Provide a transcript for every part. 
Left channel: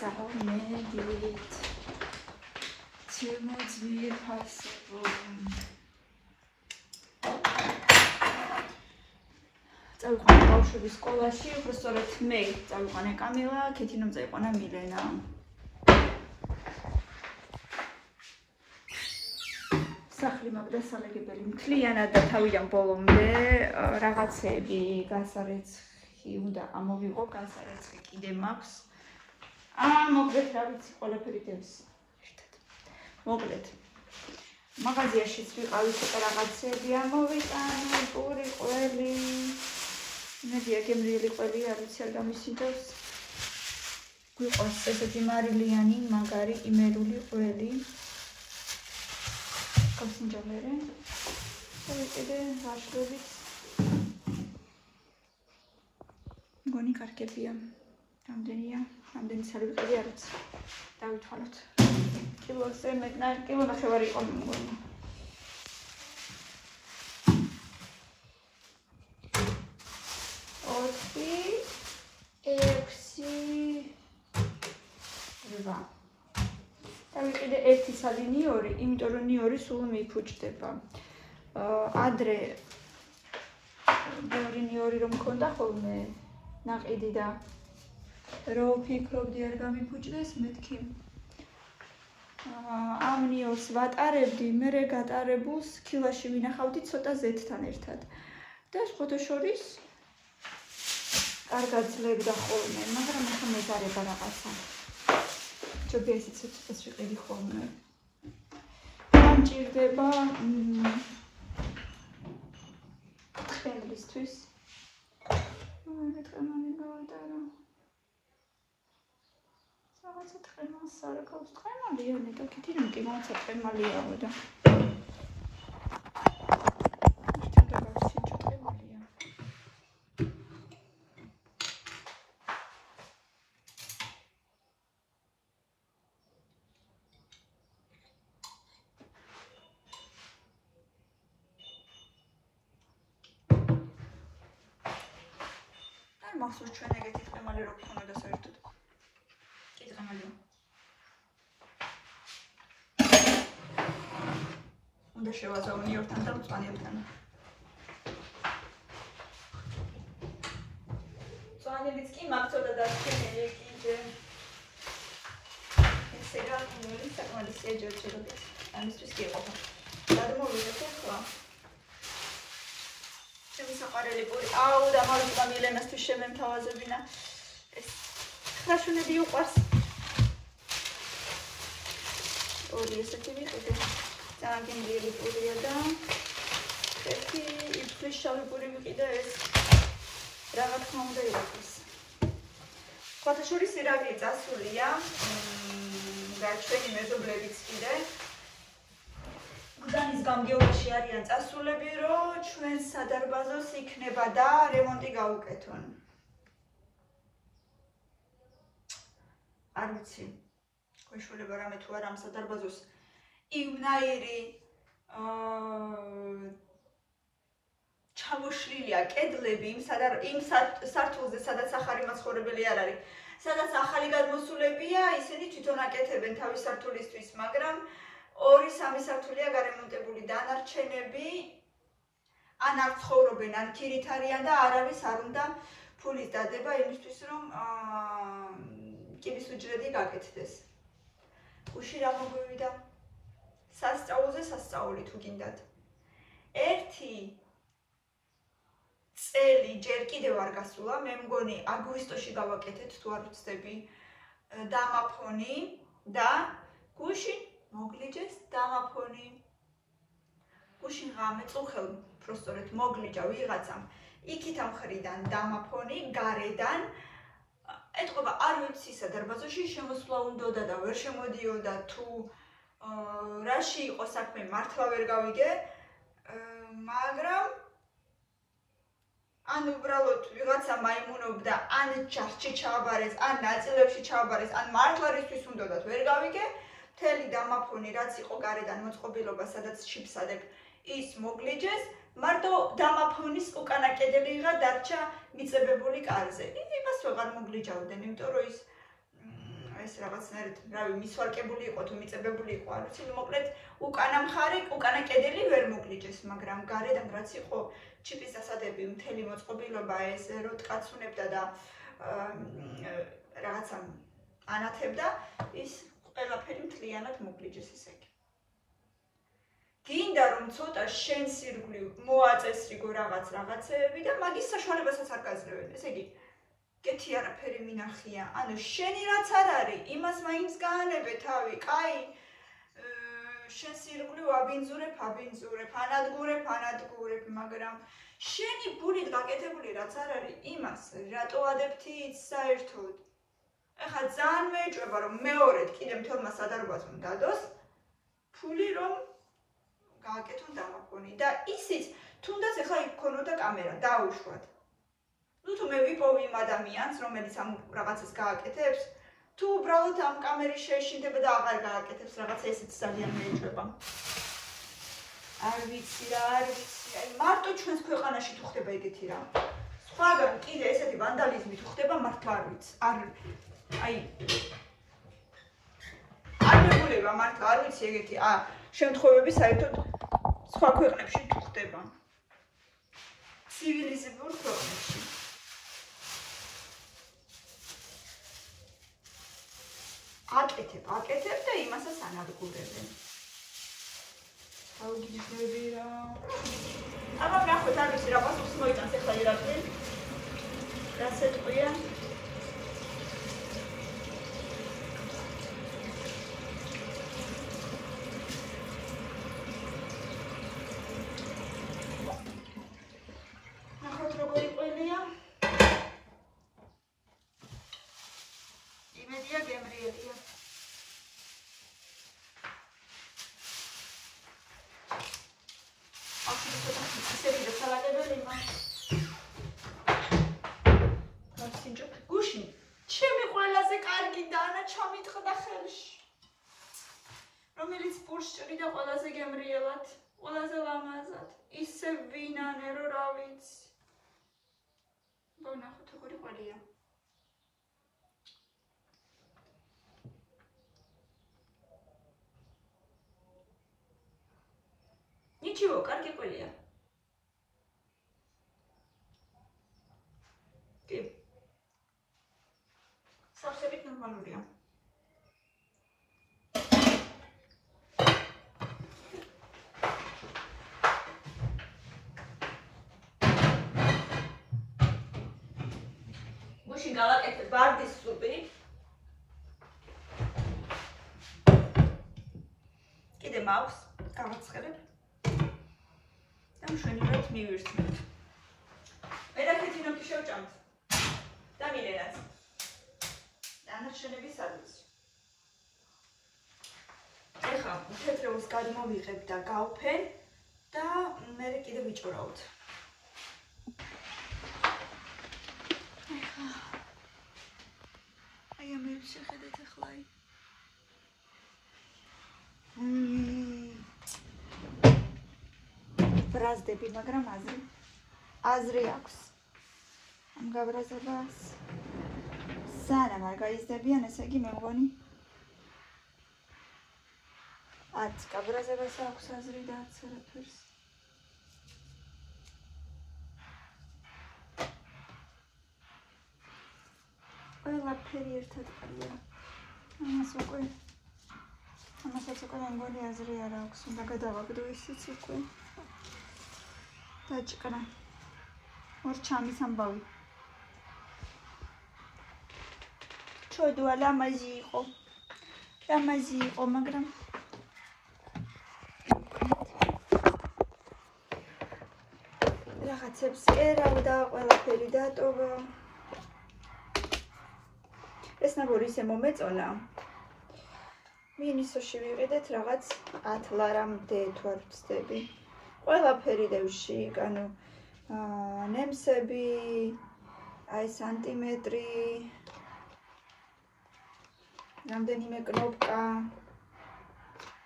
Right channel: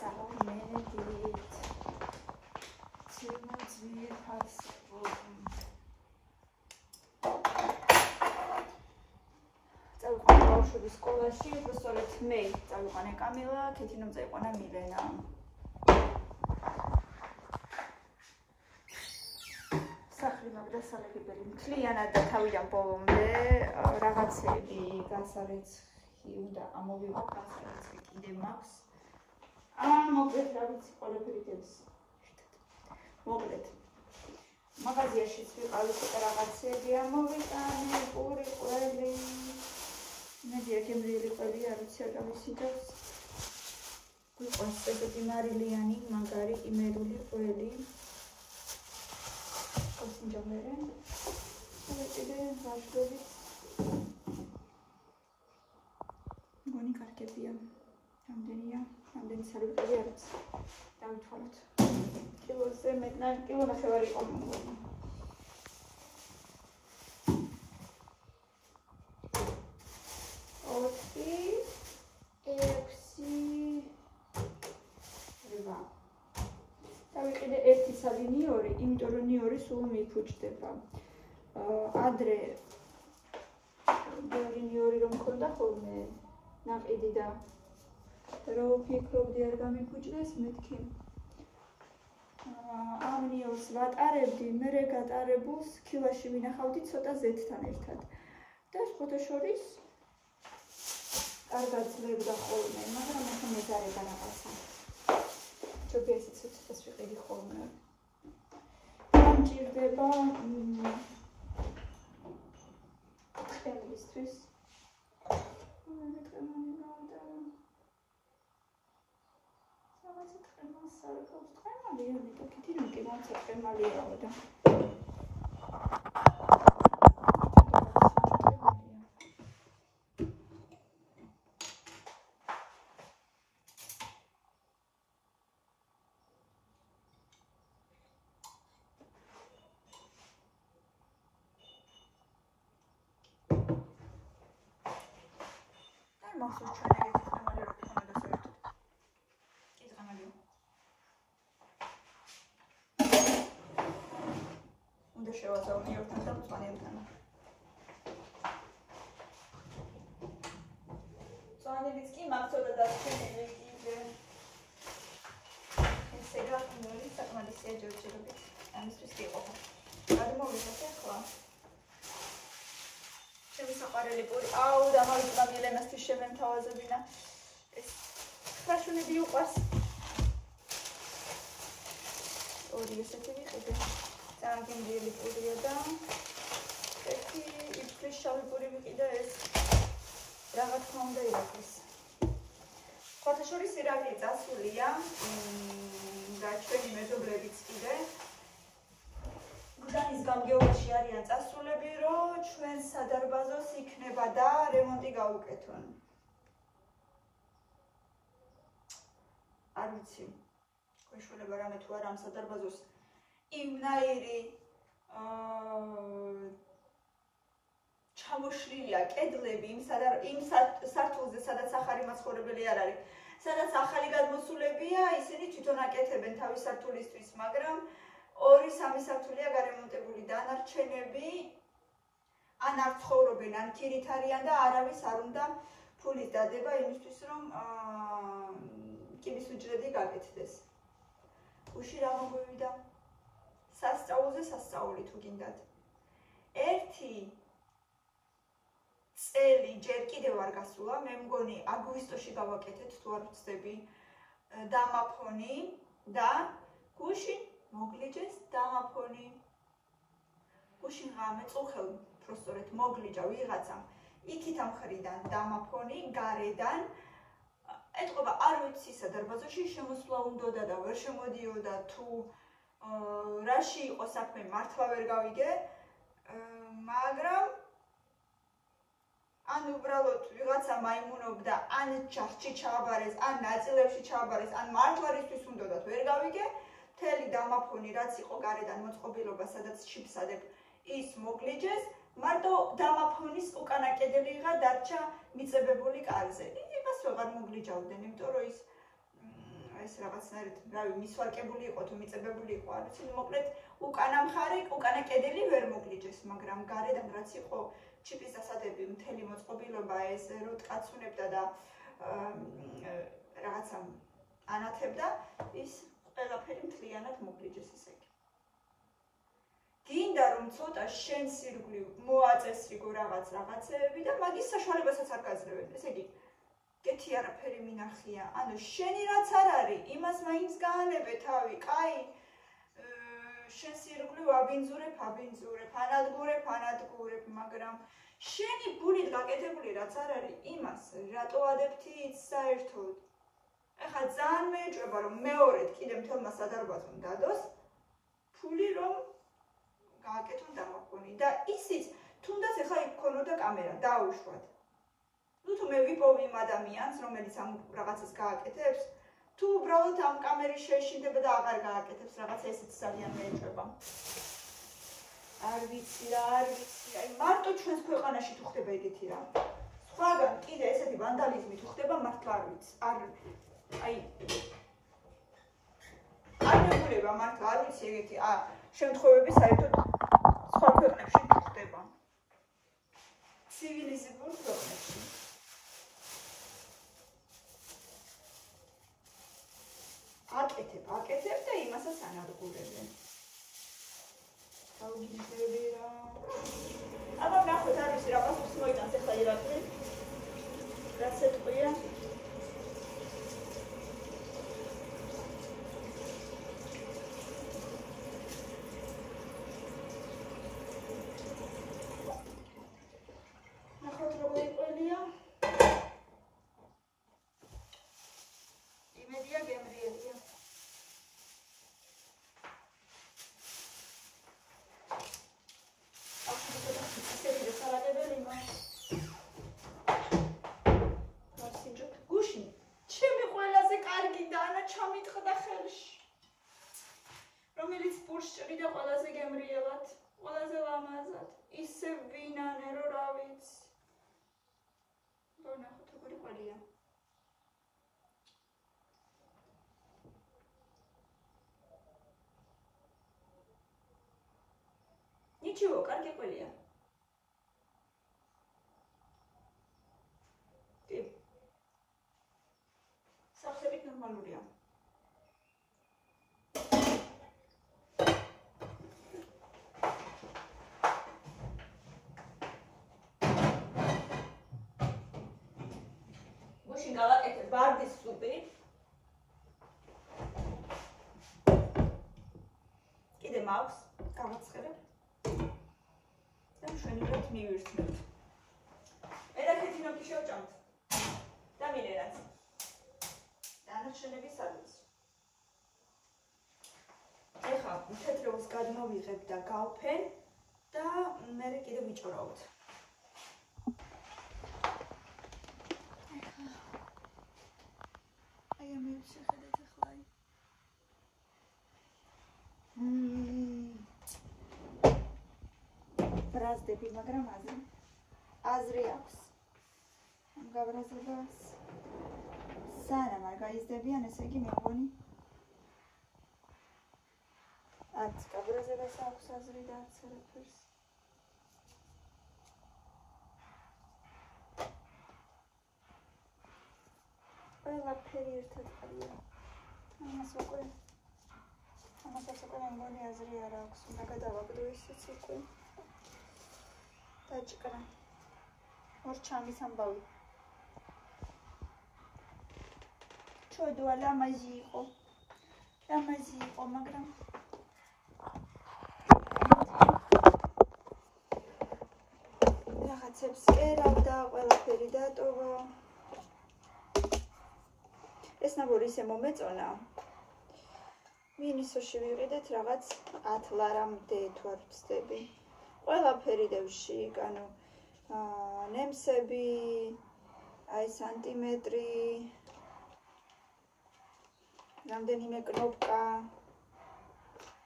საომედით ჩემო ძვირფასებო წავიყვანე ბავშვების სკოლაში, უბრალოდ მე წავიყვანე კამილა, ქეთინომ წაიყვანა მილენა. სახლი მაგდასალეგებელი მთლიანად და თავიდან ბოლომდე რაღაცები გასარეცხი უნდა ამოვიყო, გასარეცხი კიდე მაქვს. მოკლედ რა ვიცი, ყველაფერი დევს ერთად. მოკლედ მაღაზიაშიც ვიყავით რაღაცები ამოვიტანე, პური, ყველი. მედია გემრიელი ყველი არ ვიცი არ გამისინდავს. გვიყავს ესეთი მარილიანი, მაგარი, იმერული ყველი. გასინჯამერე. კიდე ვაშლებით. მგონი კარგებია. რამდენია? რამდენი სალიბრი არის? დავითვალოთ. კილოზე მეტნარ, კილო ნახევარი იყო მგონი. იმიტომ რომ ნიორი სულ მიიფუჭდება. ადრე ბევრი ნიორი რომ მქონდა ხოლმე ნაყიდი და რო ფიქრობდი არ გამიფუჭდეს მეთქი. ამ ნიორს ვატარებდი, მერე გატარებულს ქილაში ვინახავდი ცოტა ზეთთან ერთად. და სხვათა შორის კარგად ძლევდა ხოლმე, მაგრამ ახლა მეზარება რაღაცა. ჯობია ისიც ცოტას ვიყიდი ხოლმე. ჭირდება ტყემლისთვის. მე ტყემალი გავიტარა. რაღაცა ტყემალს არ აქვს. ტყემალია ნეტო კიდე კი მოაცა ტყემალიაო და მახსოვს ჩვენ ეგეთი ტყემალი რო გქონდა საერთოდ. კი ტყემალია. უნდა შევაზავო ნიორთან და მწვანეებთან. მწვანეებიც კი მაგცოდა და შენელი კიდე. ესე რა ნიორი საკმარისია ჯერჯერობით. ამისთვის კი იყო. გადმოვიდეთ ახლა. ჩემი საყვარელი პური. აუ და მალე მილენასთვის შემემთავაზებინა. ეს ხრაშუნები უყვარს. ორი ესეთი ვიყიდე. ძალიან გემრიელი პურია და ერთი იფრის შავი პური ვიყიდე ეს. რაღა თქმა უნდა იყოს. სხვათა შორის ირავია წასულია. და ჩვენი მეზობლებიც კიდე. გზანის გამგეობაში არიან წასულები, რომ ჩვენ სადარბაზოს იქნება და რემონტი გავუკეთონ. არ ვიცი. გვეშველება რამე თუ არა ამ სადარბაზოს იმნაირი ჩამოშლილია კედლები იმ სართულზე, სადაც ახალი მაცხოვრებელი არ არის. სადაც ახალი გადმოსულებია, ისინი თვითონ აკეთებენ თავის სართულისთვის, მაგრამ 2-3 სართულია გარემონტებული დანარჩენები ან არ ცხოვრობენ, ან ქირით არიან და არავის არ უნდა ფულის დადება იმისთვის, რომ კიბის უჯრედი გაკეთდეს. უში რა მოგვივიდა? სასწაულზე სასწაული თუ გინდათ. ერთი წელი ჯერ კიდევ არ გასულა, მე მგონი აგვისტოში გავაკეთეთ თუ არ ვცდები დამაფონი და გუშინ მოგლიჯეს დამაფონი. გუშინ ღამე წუხელ პროსტორეთ მოგლიჯა ვიღაცამ იქით ამ ხრიდან დამაფონი, გარედან ეთყობა არ ვიცი სადარბაზოში შემოსვლა უნდოდა და ვერ შემოდიოდა თუ რაში იყო საქმე მართლა ვერ გავიგე, მაგრამ ან უბრალოდ ვიღაცა მაიმუნობდა, ან ჯარში ჩააბარეს, ან ნაწილებში ჩააბარეს, ან მართლა რისთვის უნდოდათ ვერ გავიგე. მთელი დამაფონი რაც იყო გარედან მოწყობილობა, სადაც ჩიფსადებ, ის მოგლიჯეს, მარტო დამაფონის უკანა კედელიღა დარჩა მიწებებული კარზე. იმას ვეღარ მოგლიჯავდნენ, იმიტომ რომ ის ეს რაღაცნაირად, რავი, მისვარკებული იყო თუ მიწებებული იყო, არ ვიცი, ნუ მოკლედ უკანა მხარე, უკანა კედელი ვერ მოგლიჯეს, მაგრამ გარედან რაც იყო ჩიპის დასადები, მთელი მოწყობილობა ეს როტკაცუნებდა და რაღაცა ანათებდა, ის ყველაფერი მთლიანად მოგლიჯეს ესე იგი. გინდა რომ ცოტა შენს ირგვლივ მოაწესრიგო რაღაცეები და მაგის საშუალებასაც არ გაძლევენ. ესე იგი, კეთი არაფერი მინახია. ანუ შენი რაც არ არის, იმას მაინც გაანებე თავი, კაი. შენს ირგვლივ აბინძურებ, ანადგურებ, მაგრამ შენი ბუნით გაკეთებული რაც არ არის, იმას რატო ადებთი საერთოდ? ეხლა ძალიან მეეჭვება რომ მეორედ კიდე მთელმა სადარბაზომ დადოს ფული რომ გააკეთონ დამაფონი და ისიც თუნდაც ეხლა იქ ქონოდა კამერა დაუშვათ. ნუ თუ მე ვიპოვი იმ ადამიანს რომელიც ამ რაღაცას გააკეთებს, თუ უბრალოდ ამ კამერის შეშინდება და აღარ გააკეთებს რაღაცა ესეც ძალიან მეეჭვება. არ ვიცი, მარტო ჩვენს ქვეყანაში თუ ხდება ეგეთი რამ. სხვაგან კიდე ესეთი ვანდალიზმი თუ ხდება მართლა არ ვიცი. არ მეგულება მართლა არ ვიცი ეგეთი შემთხვევები საერთოდ სხვა ქვეყნებში თუ ხდება. ცივილიზებულ ქვეყნებში. აკეთებ და იმასაც ანადგურებენ. აუგიჟები რა. აბა ნახოთ არ ვიცი რა პასუხს მოიტანს ახლა ირაკლი. რასეთქვია? რომელიც პურსჭრიდა ყველაზე გემრიელად, ყველაზე ლამაზად, ისე ვინანე რო რა ვიცი. ნახოთ როგორი ყოლია. Ничего, კარგი ყოლია. კი. სავსებით ნორმალურია. გავაკეთებ ბარდის სუპი. კიდე მაქვს, გავაცხელებ. და მშვენივრად მივირთმევთ. მერაკეთი ნოქი შევჭამთ. და მინერალს. დანარჩენები სადაც. ეხლა თეთრეულს გადმოვიღებ და გავფენ და მერე კიდე ვიჭურავთ. ბრაზდები, მაგრამ აზრი აქვს. ამ გაბრაზებას სანამ არ გაიზრდებიან, ესე იგი მე მგონი 10 გაბრაზებას აქვს აზრი და 10 არაფერს. ყველაფერი ერთად ყია. ამასაც უკვე მე მგონი აზრი არ აქვს, უნდა გადავაგდო ისიც უკვე. დაჭკნა. მორჩამის ამბავი. ჩოდვა ლამაზი იყო, მაგრამ რაღაცებს ერავდა, ყველაფერი დატოვა. ეს ნაბორი ისე მომეწონა. მინისოში ვიყიდეთ რაღაც 10 ლარამდე თუ არ ვცდები. ყველაფერი დევში, ანუ ნემსები, აი სანტიმეტრი, რამდენიმე კნოპკა,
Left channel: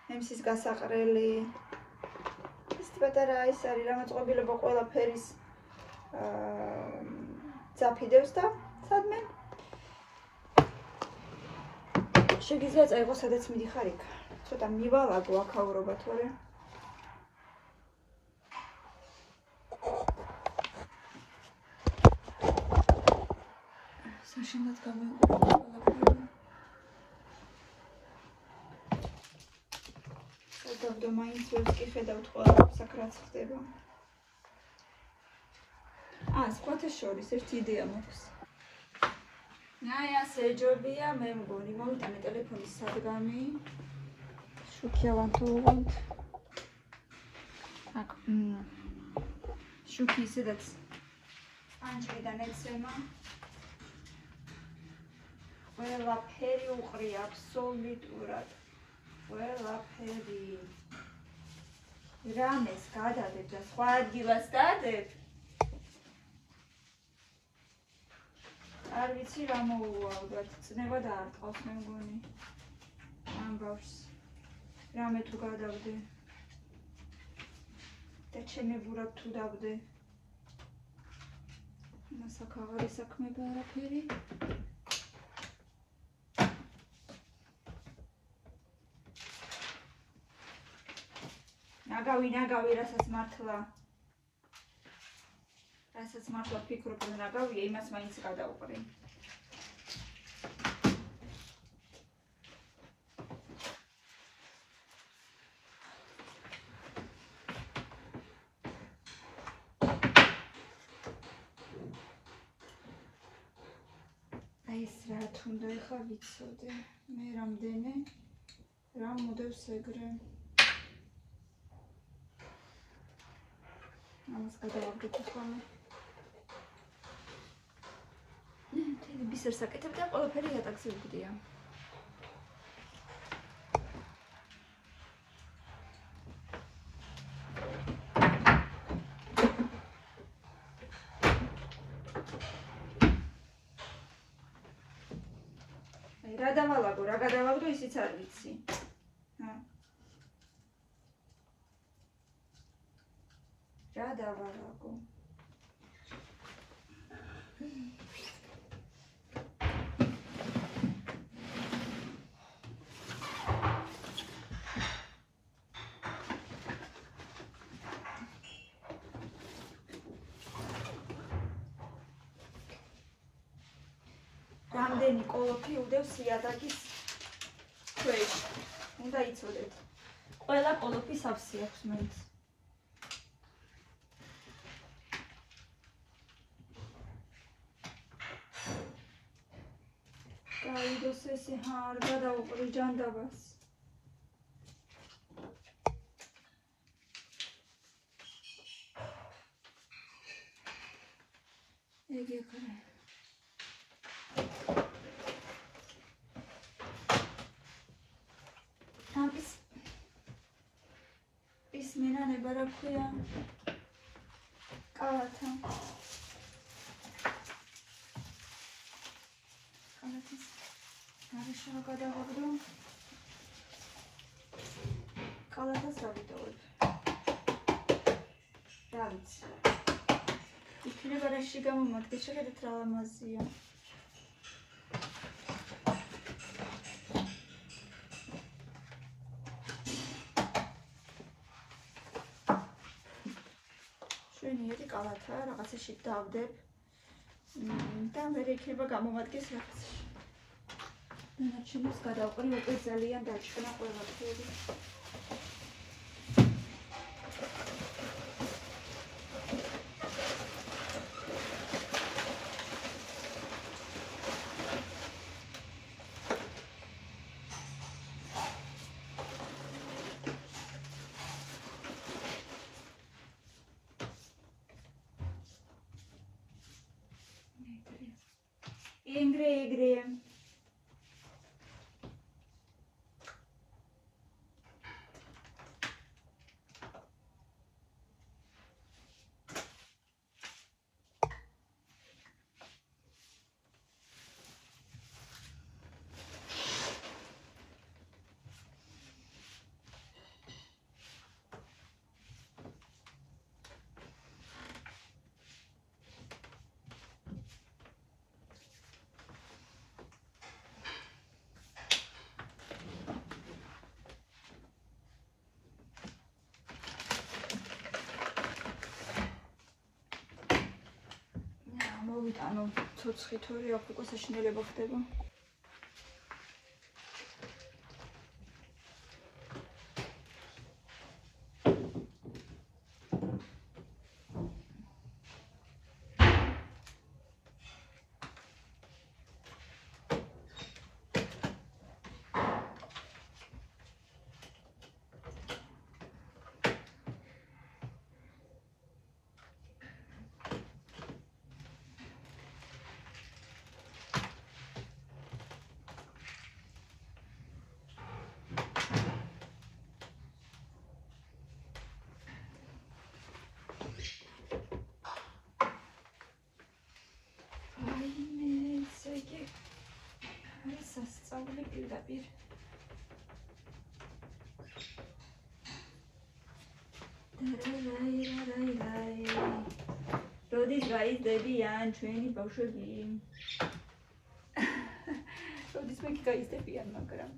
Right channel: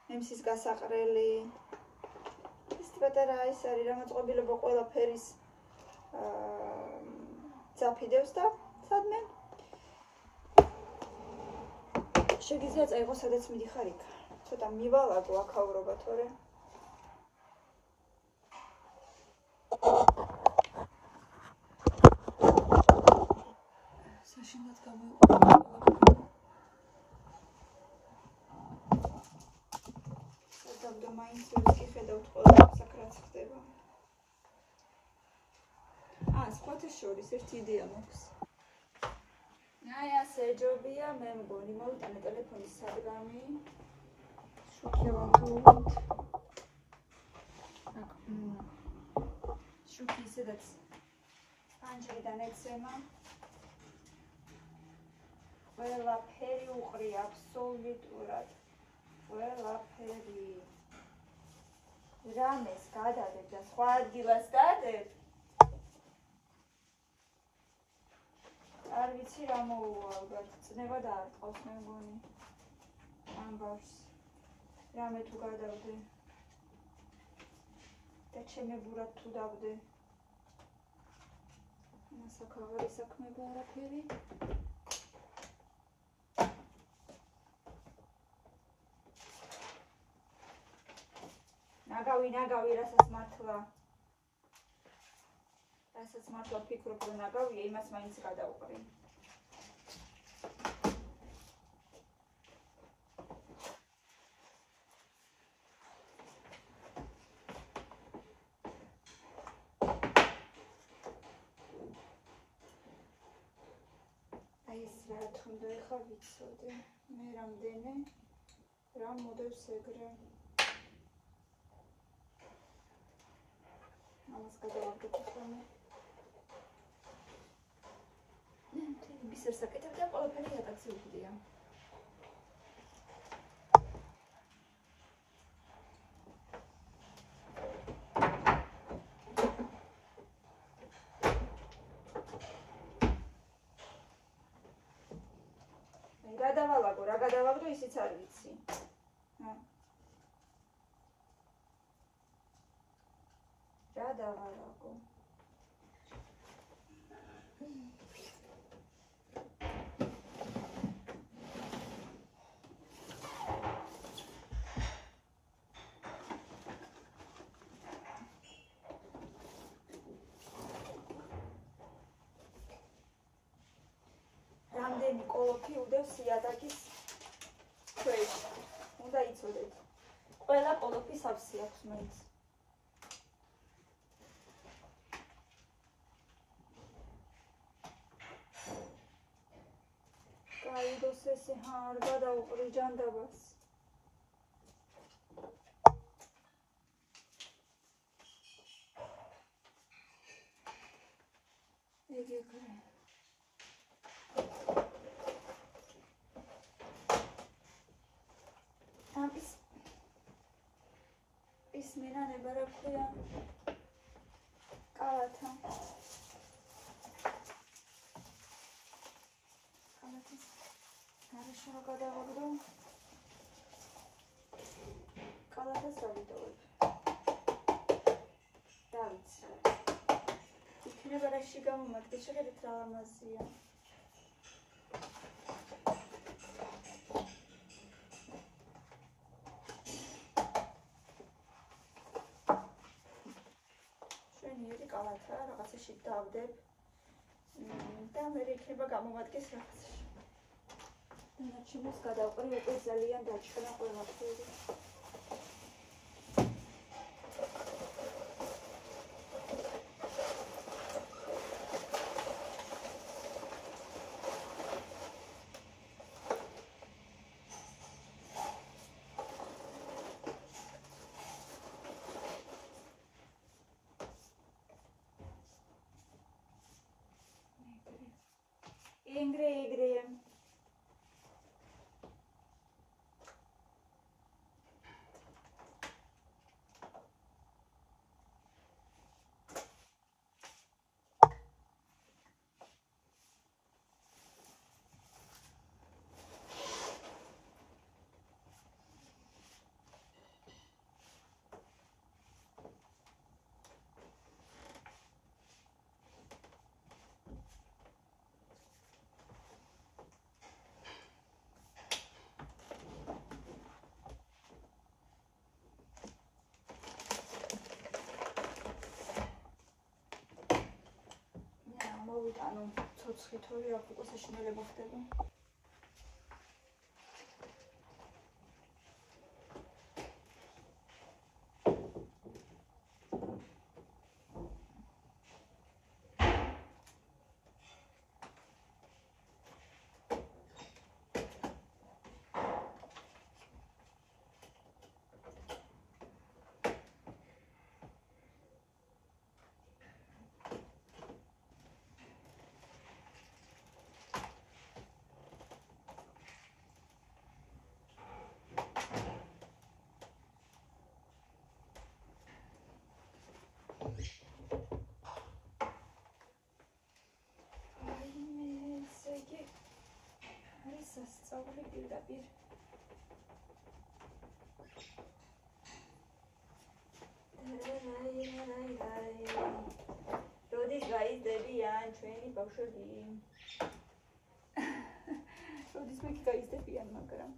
ნემსის გასაყრელი. ეს პატარა ის არის რამოწყობილება ყველაფერის ძაფი დევს და სადმე შეგიძლია წაიღო სადაც მიდიხარ იქ. ცოტა მივალაგო აქაურობა თორე. საშინლად გამოიყურება. სადავდო მაინც ვერც კი ხედავთ ყველა საკრაც ხდება. სხვათა შორის ერთი იდეა მაქვს. აი ასე ჯობია მე მგონი მომიტანე ტელეფონის სადგამი. შუქი ავანტულობთ. შუქი ისედაც ანჯლიდან ეცემა. ყველაფერი უყრია აბსოლუტურად. ყველაფერი. რამეს გადადებ და სხვა ადგილას დადებ. არ ვიცი რა მოუვა, ალბათ წნება დაარტყავს მე მგონი ამბავს. რამე თუ გადავდე და ჩემებურად თუ დავდე. მასაკავარი საქმეა არაფერი. ნაგავი, რასაც მართლა ფიქრობ, რომ ნაგავია, იმას მაინც გადავყრი. აი ეს რა თუნდა ეხა ვიცოდე. მე რამდენი რა მოდევს ეგრე. ამას გადავაგდებ ხოლმე. ბისერს აკეთებ და ყველაფერი ატაქსი ვგდია. რა დავალაგო, რა გადავაგდო, ისიც არ ვიცი. რა დავალაგო. რამდენი კოლოფი უდევს იატაკის ქვეშ. უნდა იცოდეთ. ყველა კოლოფი სავსე აქვს მაინც. გაიდოს ესე არ გადავუყრი ჯანდაბას. ეგ ეკრე. ის მენანება რა ქვია? კალათა. კალათის გარეშე რა გადავაგდო? კალათას დავიტოვებ. რა ვიცი. იქნება რაში გამომადგეს, შეხედეთ რა ლამაზია. შვენიერი კალათა, რაღაცაში დავდებ და მე იქნება გამომადგეს რაღაცაში. ნაჩვენებს გადავყრი, უკვე ძალიან დაჭკნა ყველაფერი. ეგრე. მოვიტანო ცოცხი თორე აქ უკვე საშინელება ხდება. როდის გაიზრდებიან ჩვენი ბავშვები? როდის მე გაიზრდებიან, მაგრამ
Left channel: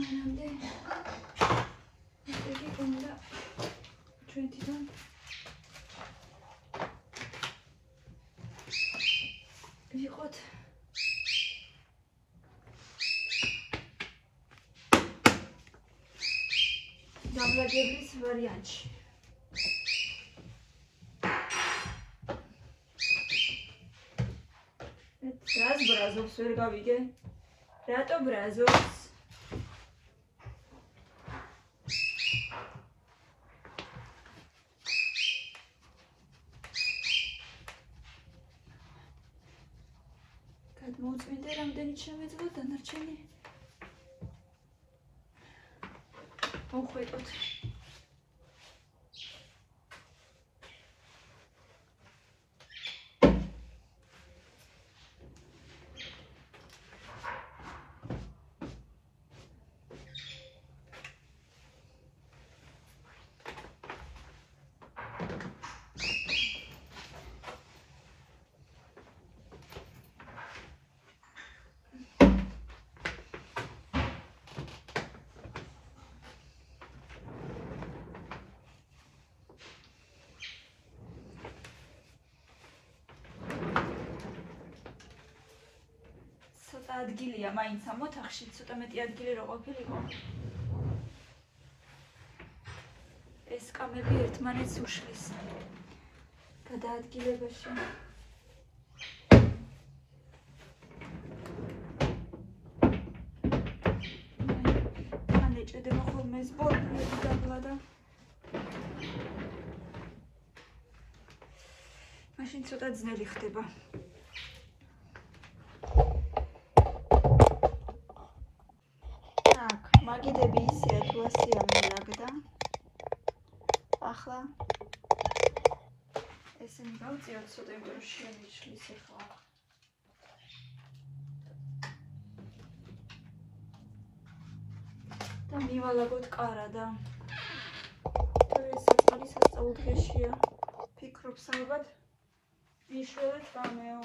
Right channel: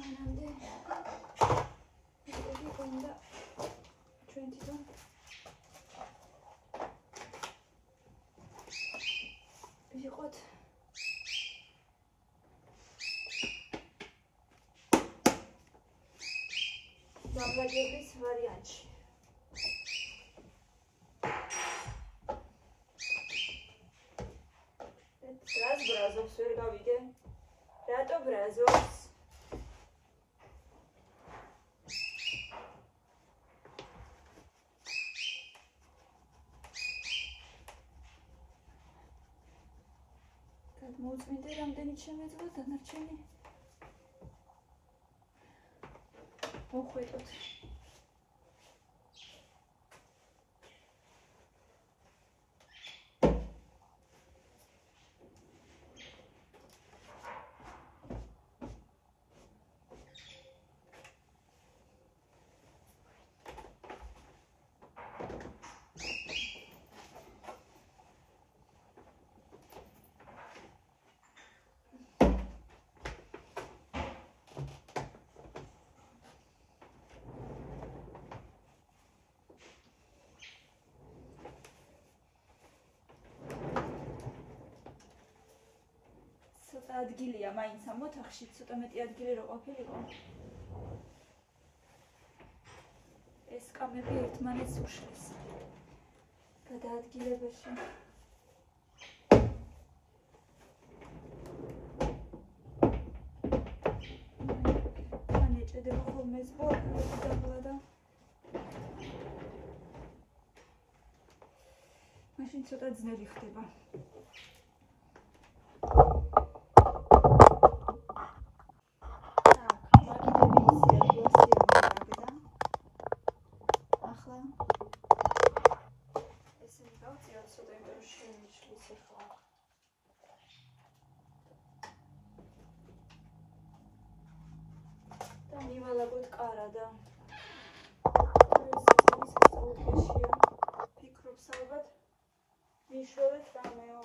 მანამდე ისეთი უნდა ჩვენთან ვიყოთ. გამარჯვების ვარიანტში. რას ბრაზობს ვერ გავიგე? რატო ბრაზობს? გადმოუწმინდე რამდენი შემეძლო დანარჩენი? მოხვედოთ. ადგილია მაინც ამ ოთახში, ცოტა მეტი ადგილი რო ყოფილიყო. ეს კამები ერთმანეთს უშლის გადაადგილებაში. მან ეჭედება ხოლმე სპორტი და მაშინ ცოტა ძნელი ხდება. ესენი გავწიოთ ცოტა იმიტომ რომ შემიშლის ახლა. და მივალაგოთ კარა და ეს საკმაოდ სასწაულთქეშია. ფიქრობს ალბათ მიშველეთ რამეო.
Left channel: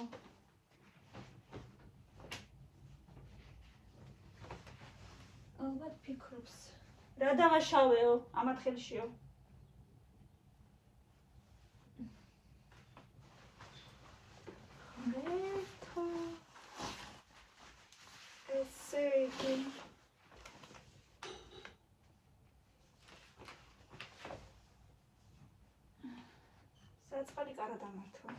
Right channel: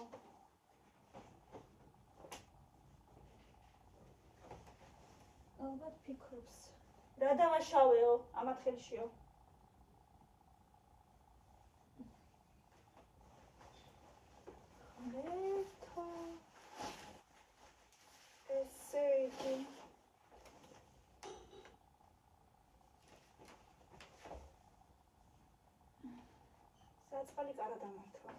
ალბათ ფიქრობს. რა დამაშავეო ამათ ხელშიო. საწყალი კარა დამართვა.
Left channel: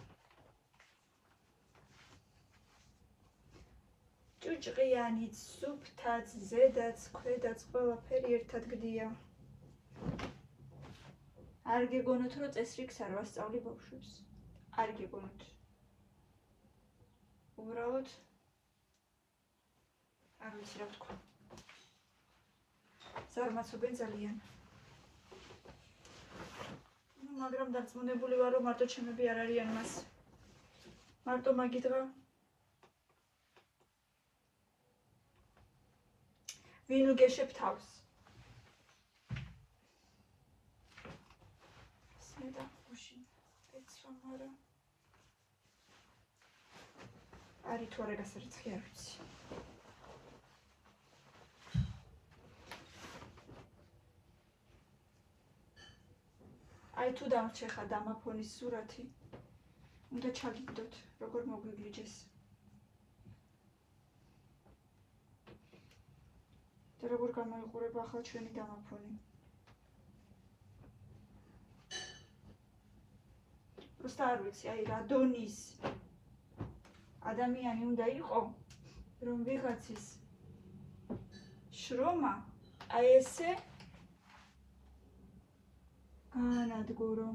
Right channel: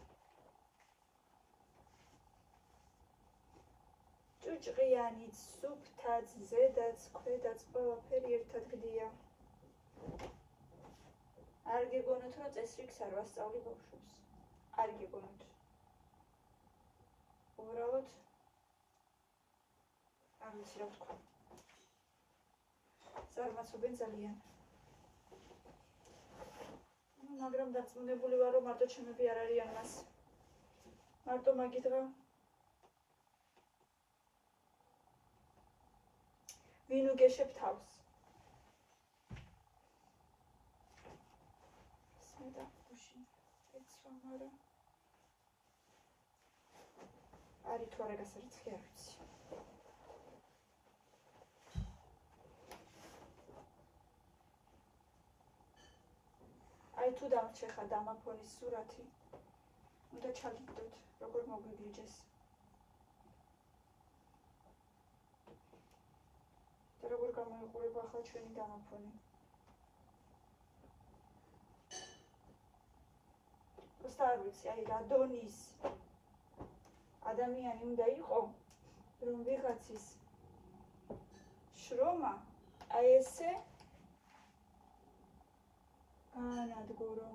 ჭუჭყიანიც, სუფთაც, ზედაც, ქვედაც ყველაფერი ერთად გდია. არ გეგონოთ რომ წესრიგს არ ვასწავლი ბავშვებს. არ გეგონოთ. უბრალოდ არ ვიცი რა ვთქვა. ზარმაცობენ ძალიან. მაგრამ დარწმუნებული ვარ რომ მარტო ჩემები არ არიან მას. მარტო მაგი დღა ვინ უგეშებ თავს. სმედა გუშინ ეცვა მარა. არი თუ არა გასარიცხი არ ვიცი. აი თუ დამრჩეხა დამაფონის სურათი, უნდა ჩაგიგდოთ, როგორ მოგვიგლიჯეს. და როგორ გამოიყურება ახლა ჩვენი დამაფონი. просто არ ვიცი, აი რა დონის ადამიანი უნდა იყო, რომ ვიღაცის შრომა აი ესე განადგურო.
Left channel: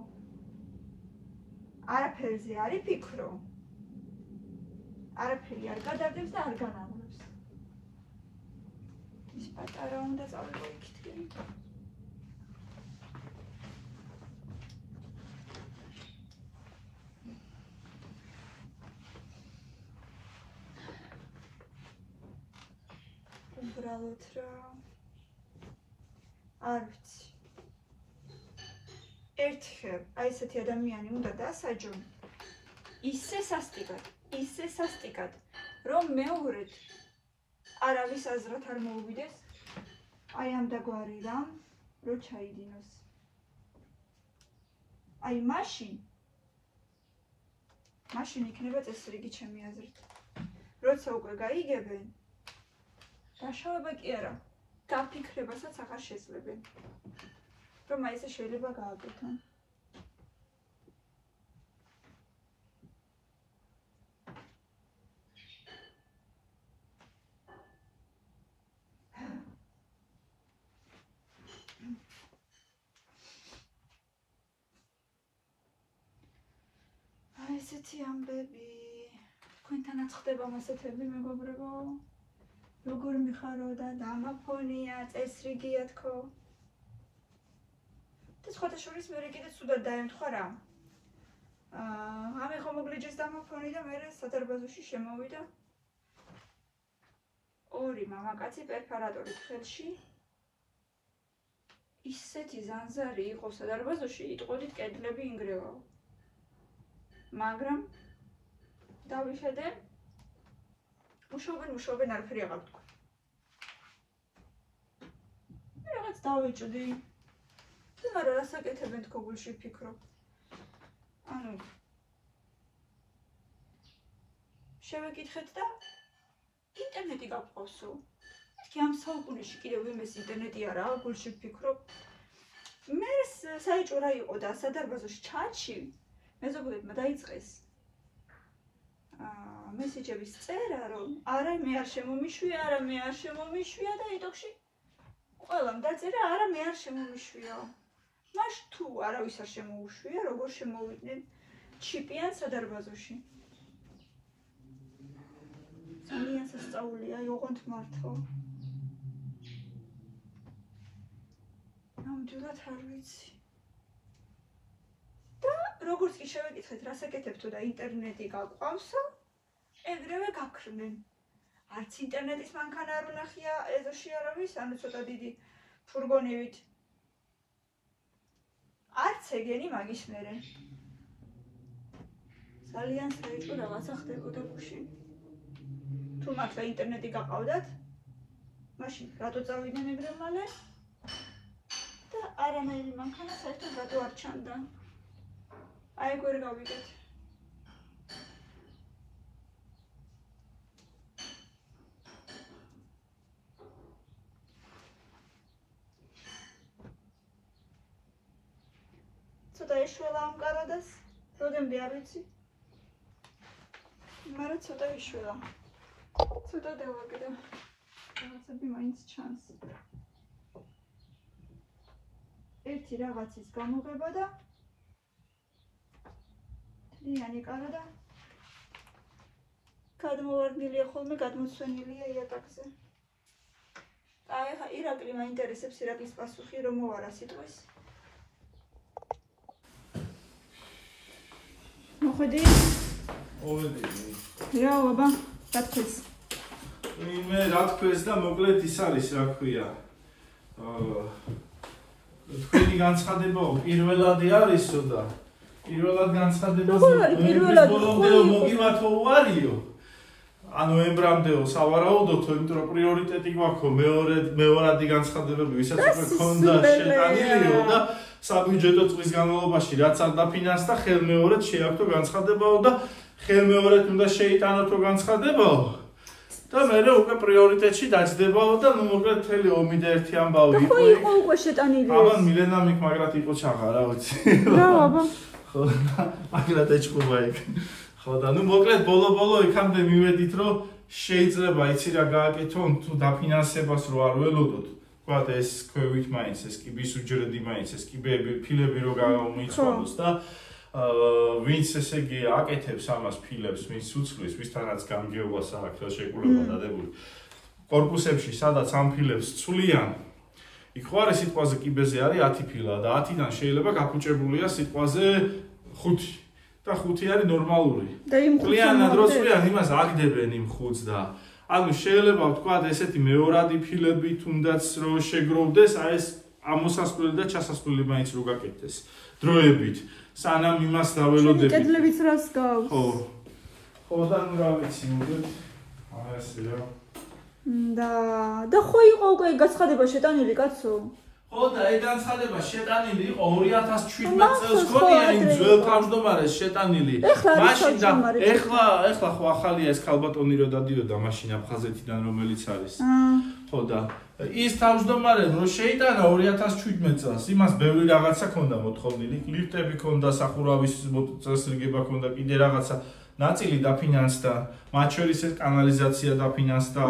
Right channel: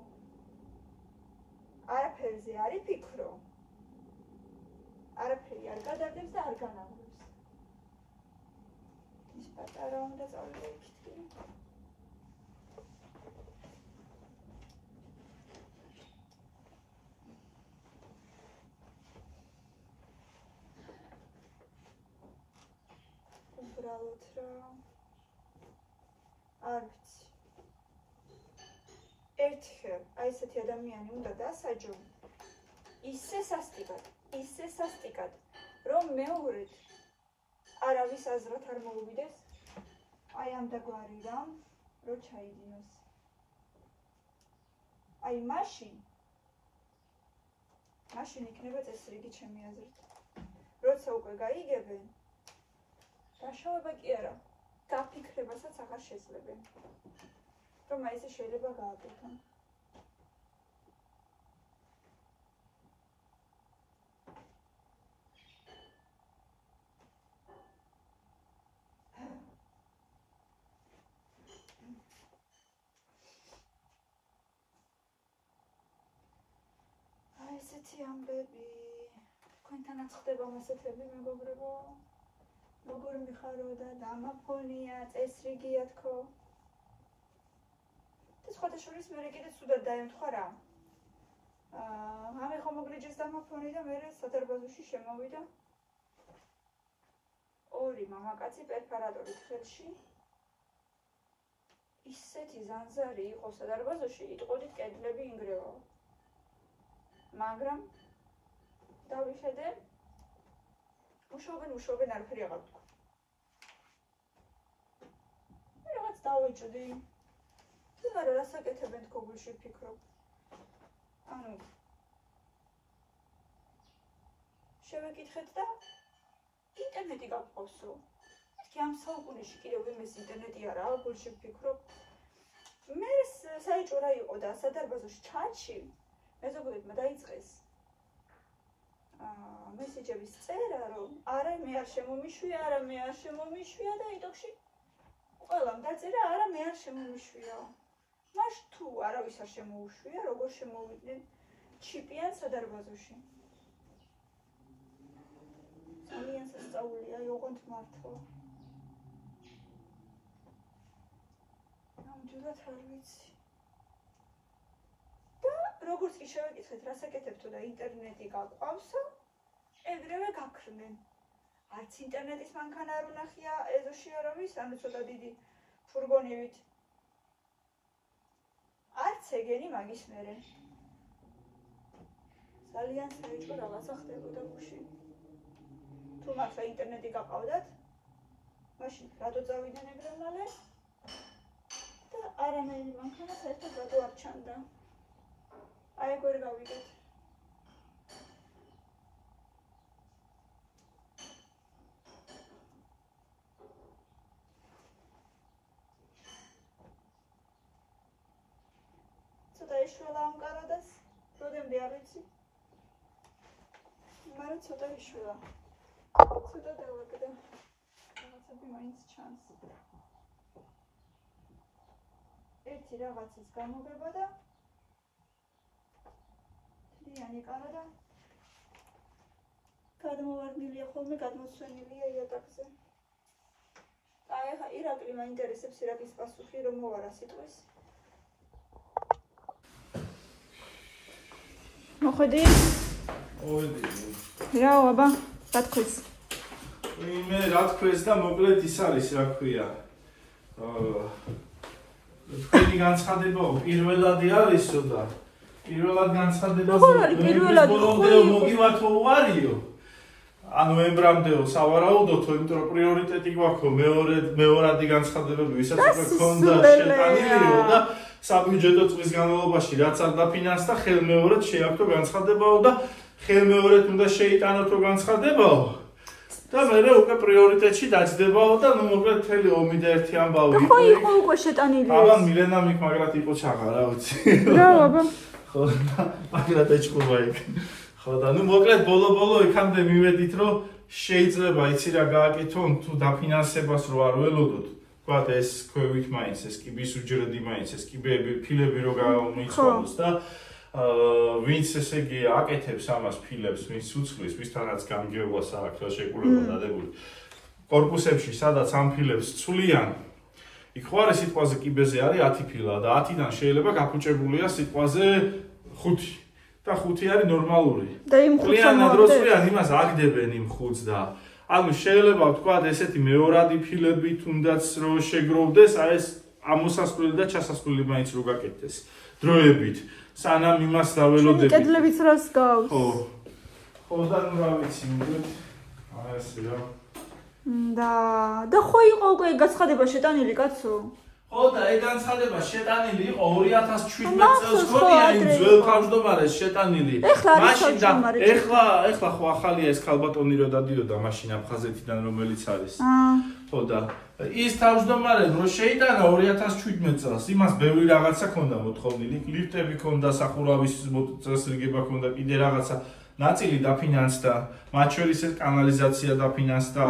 არაფერზე არ იფიქრო. არაფერი არ გადარდებს და არ განაგუროს. ის პატარა უნდა წავიკითხები. უბრალოდ რა არ ვიცი. ერთხელ აი ესეთი ადამიანი უნდა დასაჯო ისე სასტიკად, რომ მეორედ არავის აზრად არ მოუვიდეს აი ამ დაგვარი რამ, რო ჩაიდინოს. აი მაშინ იქნება წესრიგი ჩემი აზრით. როცა უკვე გაიგებენ, დაშავება კი არა, გაფიქრებასაც აღარ შეძლებენ. რომ აი ესე შეიძლება გააკეთონ. აი ესეთი ამბები. თქვენთანაც ხდება მასეთები, მეგობრებო. როგორ მიხარო და დამაფონია, წესრიგია თქო. და სხვათა შორის მე კიდე სუდად დაემთხვა რა. ამე ხომ მოგლიჯეს დამაფონი და მე სადარბაზოში შემოვიდა. ორი მამაკაცი პერფორატორით ხელში. ისეთი ზანზარი იყო სადარბაზოში, იტყოდით კედლები ინგრევაო. მაგრამ დავიხედე უშობენ არაფერი აღარ თქვა. მე რაღაც დავიჭდი. მაგრამ რას აკეთებენ თქო გულში ვფიქრობ. ანუ შევეკითხეთ და ინტერნეტი გაგვყავსო. მეთქი ამ საუკუნეში კიდევ იმეს ინტერნეტი არაა, გულში ვფიქრობ. მე საიჭო რა იყო და სადარბაზოში ჩაჩი მეზობლებმა დაიწყეს მესეჯების წერა, რომ არა მე არ შემომიშვია და იტოქში ყველამ დაწერა არა მე არ შემომიშვია. მაშ თუ არავის არ შემოუშვია, როგორ შემოვიდნენ ჩიპიან სადარბაზოში. ძალიან სასწაულია, ოღონდ მართლა. ნამდვილად არ ვიცი. და როგორც კი შევეკითხეთ, რას აკეთებთო და ინტერნეტი გაგვყავსო, ეგრევე გაქრნენ. არც ინტერნეტის მანქანა არ უნახია ეზოში არავის, ანუ ცოტა დიდი ფურგონივით. არც ეგენი მაგის მერე. ძალიან საერთო რაღაცა ხდებოდა გუშინ. თუ მართლა ინტერნეტი გაყავდათ, მაშინ რატო წავიდნენ ეგრე მალე? და არანაირი მანქანა საერთოდ რატო არ ჩანდა? აი გვერ გავიგეთ. ცოტა ეშველა ამ კარადას, როდემდე არ ვიცი. მაგრამ ცოტა ეშველა. ცოტა დავაგდა. რაღაცები მაინც ჩანს. ერთი რაღაცის გამოღება და თლიანი კარადა. გადმოვარდნილია ხოლმე, გადმოსვენილია იატაკზე. აი ახლა ირაკლი მაინტერესებს ირაკლის პასუხი რომ მოვარა სიტყვის. მოხედი? მოვედი. რა აბა, რა თქოს? მე რა თქოს და მოკლედ ის არის, რა ქვია. თქვენი განცხადება პირველადი არისო და პირველად განცხადებას მე ბოლომდე რომ მოგივართო უარიო. ანუ ემბრამდეო სავარაუდოთო, იმიტომ რომ პრიორიტეტი გვაქვს მეორადი განცხადებები, ვისაც უკვე ქონდა შეტანილიო და საბიუჯეტო წლის განმავლობაში რაც არ დაფინანსდა, ხელმეორედ შეაქვთო განცხადებაო და ხელმეორედ უნდა შეიტანოთო განცხადებაო. და მე უკვე პრიორიტეტში დაჯდებაო და ნუ მოკლედ მთელი ომი და ერთი ამბავი იყო იქ. ხო, უკვე შეტანილი. აბა მილენა მიქ მაგრად იყო ჩაღა რა ვიცი. რა აბა. ხო, მაგრამ დაჭკობა იქ. ხო და ნუ მოკლედ ბოლო იქამდე მივედით რომ შეიძლება იცი რა გააკეთონ თუ დაფინანსებას რო არ ველოდოთ. ვთქვათ ეს ქვევით მაინც ეს კიბის უჯრედი მაინც ეს კიბები ფილები რო გამომიცვალოს და ვინც ესე იგი აკეთებს ამას ფილებს, ვინც უცხლის, ვისთანაც გამგეობა საერთოდ შეკულება დადებული. კორპუსებში სადაც ამ ფილებს ცვლიან, იქ ხوارე სიტყვაზე კიბეზე არის 10 ფილა და 10-დან შეიძლება გაფუჭებულია სიტყვაზე 5. და 5 არის ნორმალური. და იმ 5-ს დროს ვიან იმას აგდებენ იმ 5-ს და ანუ შეიძლება ვთქვათ ესეთი მეორადი ფილები თუნდაც რო შეგროვდეს, აი ეს ამოსასვლელი და ჩასასვლელი მაინც რო გაკეთდეს დროებით. სანამ იმას დაველოდებით. კედლებიც რას გავს? ხო. ხო და რა ვიცი, მოგეთ. აი ესე რა. და ხო იყო უკვე განცხადება შეტანილი კაცო? ხო და ეგ განცხადება შეტანილი იყო 2017 წელს ქონია იმ ძველ თავმჯდომარეს შეტანილი. მაშინ და ეხლა ხო ახალია ეს ქალბატონი რო დადიოდა მაშინ აფხაზეთიდან რომელიც არის. ხო და ის თავმჯდომარე რო შეიტანა 2017 წელს იმას ბევრი რაღაცა ქონდა მოთხოვნილი, ლიფტები ქონდა, სახურავის წესრიგება ქონდა, კიდე რაღაცა ნაწილი დაფინანსდა, მათ შორის ეს კანალიზაცია დაფინანსდა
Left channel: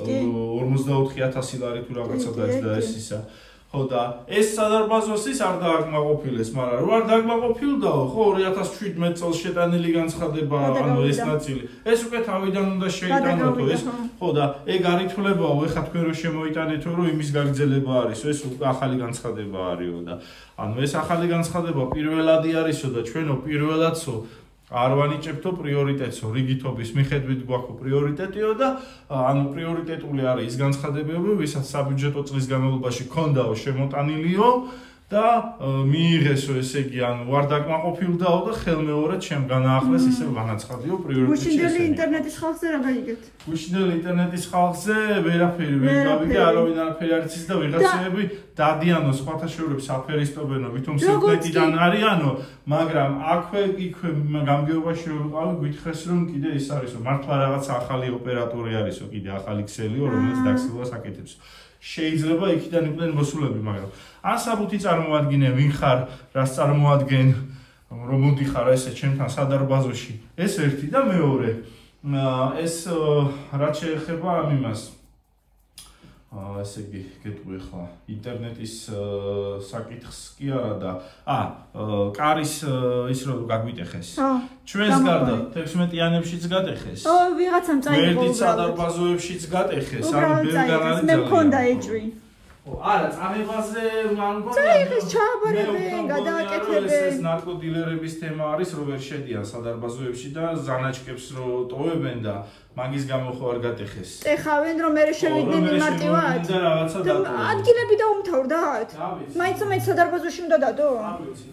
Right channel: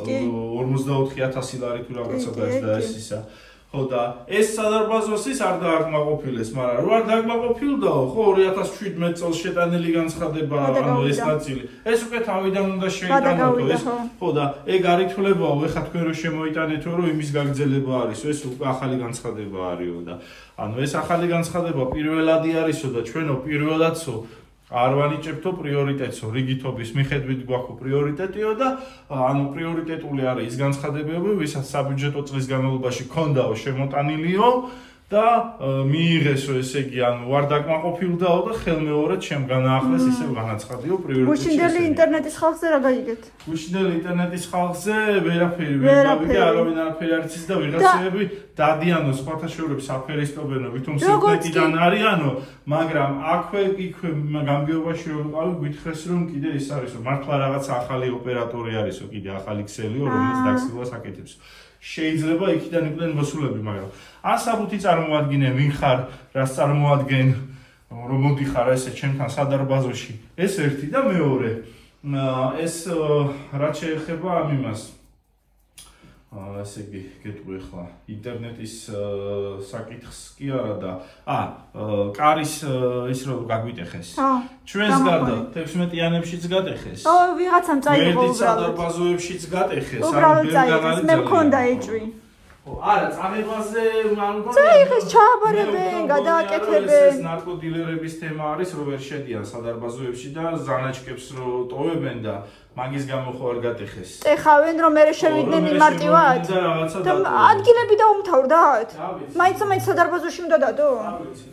44000 ლარი თუ რაღაცა დაეჭდა ეს ისა. ხო და ეს სადარბაზოს ის არ დააკმაყოფილეს, მაგრამ რო არ დააკმაყოფილდაო, ხო 2017 წელს შეტანილი განცხადება, ანუ ეს ნაწილი. ეს უკვე თავიდან უნდა შეიტანოთო ეს. ხო და ეგ არ ითვლებაო, ეხლა თქვენ რო შემოიტანეთო, რომ იმის გაგრძელება არისო, ეს უკვე ახალი განცხადება არისო და ანუ ეს ახალი განცხადება პირველადი არისო და ჩვენო პირველადსო არ ვანიჭებთო პრიორიტეტსო, რიგითობის მიხედვით გვაქვს პრიორიტეტიო და ანუ პრიორიტეტული არის ის განცხადებები, ვისაც საბიუჯეტო წლის განმავლობაში ქონდაო შემოტანილიო და მიიღესო ესე იგი, ანუ არ დაკმაყოფილდაო და ხელმეორედ ჩემ განაახლეს ისევ განაცხადიო პრიორიტეტი. გუშინდელი ინტერნეტის ხალხზე რა გაიგეთ? გუშინდელი ინტერნეტის ხალხზე ვერაფერი ვერ გავიგე, არავინ არაფერი არ იცის და ვიღაცები დადიანო სხვათა შორებს აფერისტობენო, ვითომ სიკვდილიდან არიანო, მაგრამ აქვე იქვე გამგეობაში რომ ვიყავი, გვითხრეს რომ კიდე ის არისო, მართლა რაღაცა ახალი ოპერატორი არისო, კიდე ახალი ქსელიო, რომელიც დაქსილვას აკეთებს. შეიძლება იქიდან იყვნენ მოსულები, მაგრამ ან საბუთი წარმოადგინე ვინ ხარ, რას წარმოადგენ, რომ მოდიხარ ესე ჩემთან სადარბაზოში. ეს ერთი და მეორე. ეს რაც შეეხება ამ იმას. ესე იგი, გეტყვი ახლა ინტერნეტის საკითხს კი არა და კარის ის რომ გაგვიტეხეს. ჩვენს გარდა 16-იანებშიც გატეხეს. ვიღაცამ წაიღო. ვერდით სადარბაზოებშიც გატეხეს, ანუ ბევრგან არის მე მქონდა ეჭვი. არა, წამებაზე მანგონია. წაიღეს, ჩააბარებენ, გადააკეთებენ. ეს ნარკოდილერების თემა არის, რომ ვერ შედიან სადარბაზოებში და ზანაჭკებს რო ტოვებენ და მაგის გამო ხო არ გატეხეს. ტეხავენ რომ მე შევიდნენ მარტივად. და ადგილები დაუმთავრდათ? მაინც სადარბაზოში უნდა დადო? არ ვიცი.